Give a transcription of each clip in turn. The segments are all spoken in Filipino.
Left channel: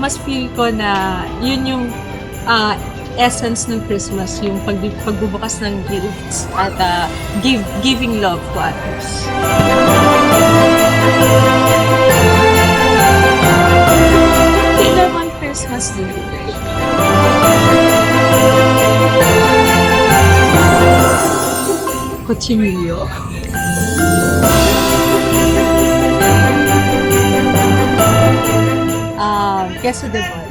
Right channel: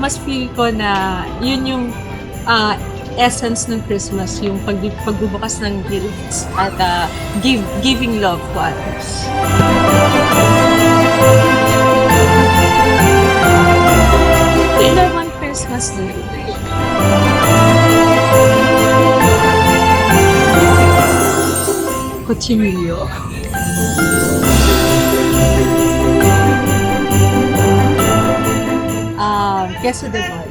mas feel ko na yun yung essence ng Christmas, yung pagbubukas ng gifts at giving love to others. Ito one Christmas day. Cochinillo. Queso de bol.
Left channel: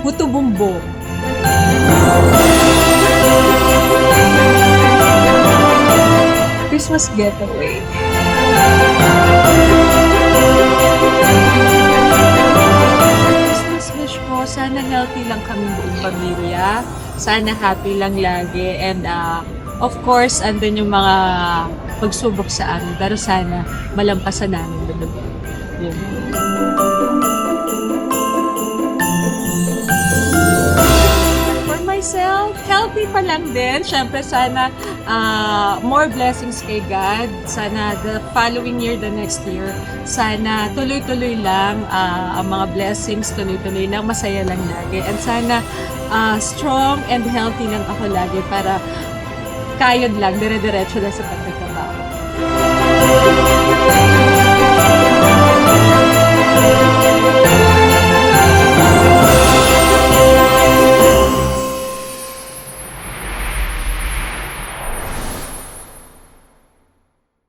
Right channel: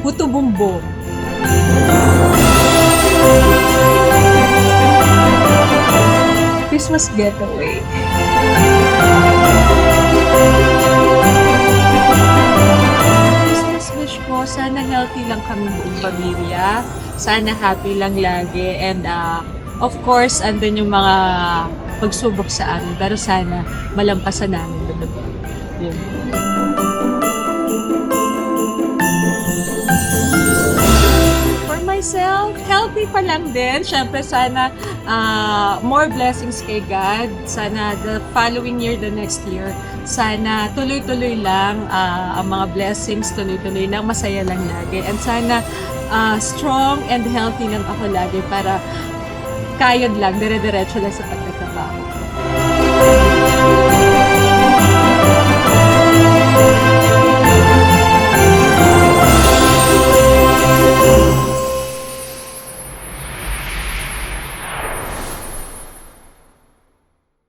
Puto bumbong. Christmas getaway. Christmas wish ko, sana healthy lang kami buong pamilya. Sana happy lang lagi. And of course, andun yung mga pagsubok sa amin. Pero sana malampasan namin. Yun. For myself, healthy pa lang din. Siyempre, sana more blessings kay God. Sana the following year, the next year, sana tuloy-tuloy lang ang mga blessings, tuloy-tuloy lang, masaya lang lagi. And sana strong and healthy lang ako lagi para kayod lang, dire-diretso lang sa pagtatrabaho.